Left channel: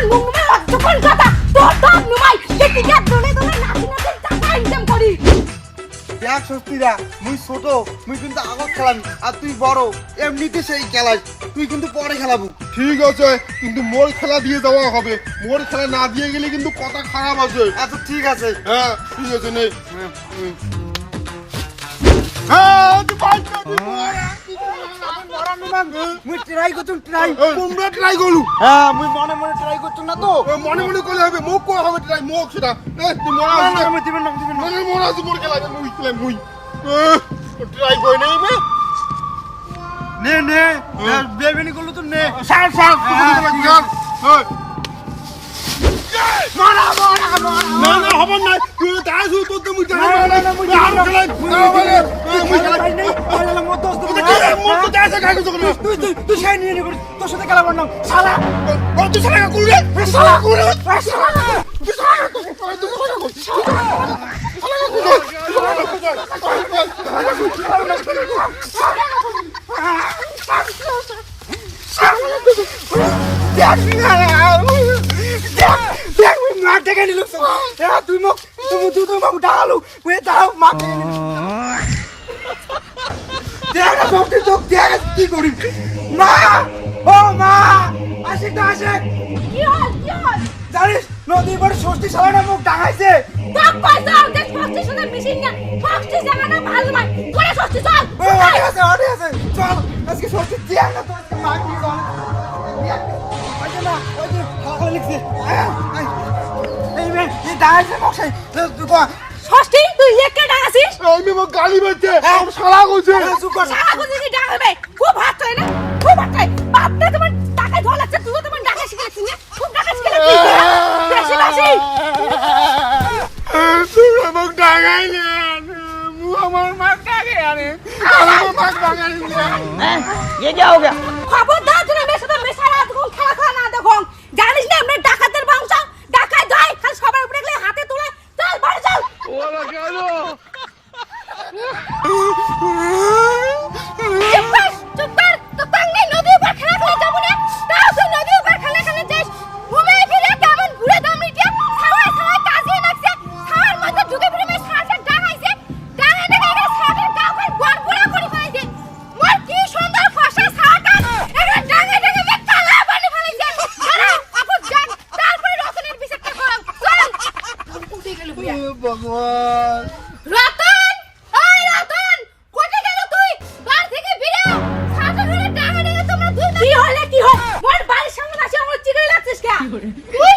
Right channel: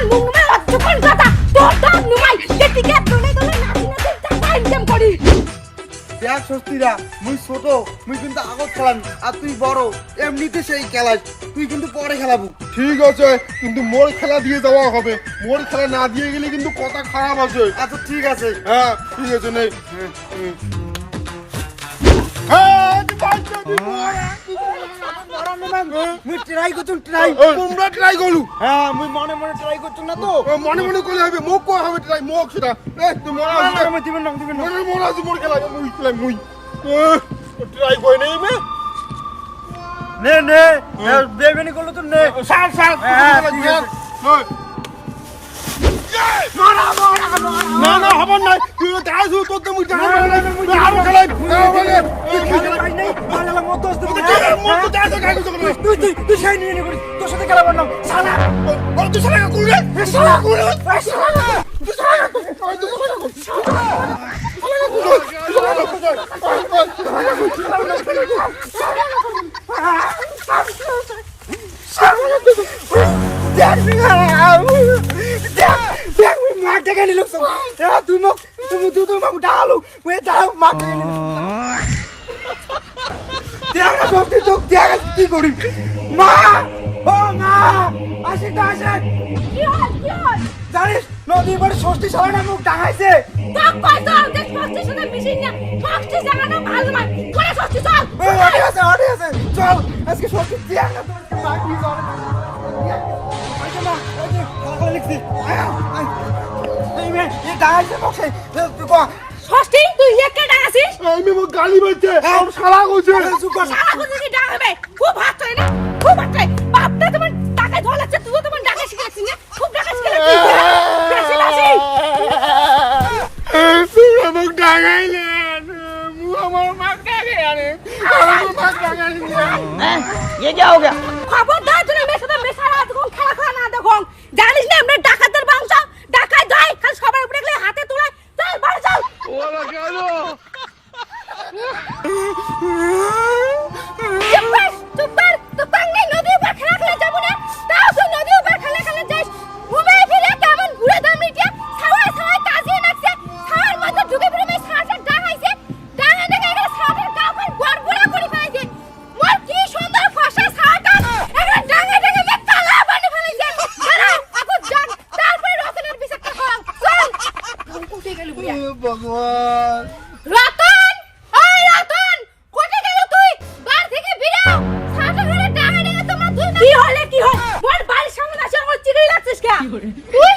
যখন মুখ নুমাই যখন কথা তোর দাম নুমাই। যে টিকেট দলে দলে নাচি নাচি টাকা ইনকাম করি। দেখ সস্তিরা মুই ছোট মুই কিন্তু আগত খেলাবি আর তুই বড় এমনিতে সেই খেলাস তুই কিন্তু পরে খেলাবো। ঠিক আছে কিন্তু মোর খেলা দিয়ে দেওয়া হবে। মোর খেলা না দিয়ে গেলে কিন্তু কথা খারাপ আছে। আচ্ছা ঠিক আছে। হ্যাঁ ঠিক আছে নেই হ্যাঁ, তুই পাঁচ পাবি, মুই ট্রাই করতুম ট্রাই তোমরা ট্রাই করলু। হ্যাঁ মুই মনে মনে ট্রাই করতুম না তো। মনে মনে করে হবে মুখ করা হবে ট্রাই সেটা এ, তুই মনে না, দিবেন না দিবেন না। মোর খেলা মুই খেলা মুই। ট্রাই করে নেই মে? নে নে বেবেনি করল তো নে। সার সার হ্যাঁ, হ্যাঁ। মারা মারা মারা হবে না তুই তাই তোর তো মুই না, না, না, না, মুই আর দিবেন না। খেলাই মুই না দিবেন না। বলে তুই খেলা পাই নাই, তাহলে আমার মত দোষ দেবো না। মোর তো তাই আছে করতে তুই তুই তুই সেই নিয়ে তোর সাথে খেলা করলাম শালা ও তুই করলে এ শালা করে এ শালা তুই সারা কর তুই সারা কর দেখ দেখ দেখ মুই মার ডেকে নিলু তুই মোক তুই মোক ডালু মুই দেখ না তোকে তোকে দেখ কি করি মা ও মা আসে তো আসে জানিস নদী বড় ষষ্ঠী সালানে মুখ ডাঙাইছে তোর পয়সা ওদের ষষ্ঠীর সাথে না ষষ্ঠী জায়গাটা ভালো করে ষষ্ঠী চল ও অটে আছে অটে আছে চল আজকে ষষ্ঠী দেখ না তোর মা কি চল ওই না ওই যে লিখছি আয়। এই মে এই ডাঙাইছে মুখ সেই ষষ্ঠী তুই একে ডাকাছিস আমি মো গালি বাজছে আর শালা কইছে সারা কথা কি ডাকাবে খুব হাত হয় না খুব হাত হয় বাপটা তোমার টাকায় ধোয়া লাগছে তুইও তোমার টাকা শিখেছিস না? খুব টাকা শিখেছিস বেশি বেশি তুই আমাকে ডাঙাইলেন মু আমার মাক ডাকে আরে। আমার মাক ডাঙাইলেন খবরদার তুমি মেয়ে সাথে মেশারা দেখুন খেলা খেলা না দেখুন জানিস না আমরা ডাকাতের বংশ ডাকাত যায় খালি সবার উপরে গেলে হাতে তুলে চল বাড়ি চল ভগবান। রতন! ওই রতন! কোথায় গেল তুই? বাড়ি থেকে বেরাও ছাতা ডাঙা ডাঙা তোমরা দুই কি হলে কি হয়? বল বাড়ির সামনে আসে আমার চিড়ে লাগছিস কে তুই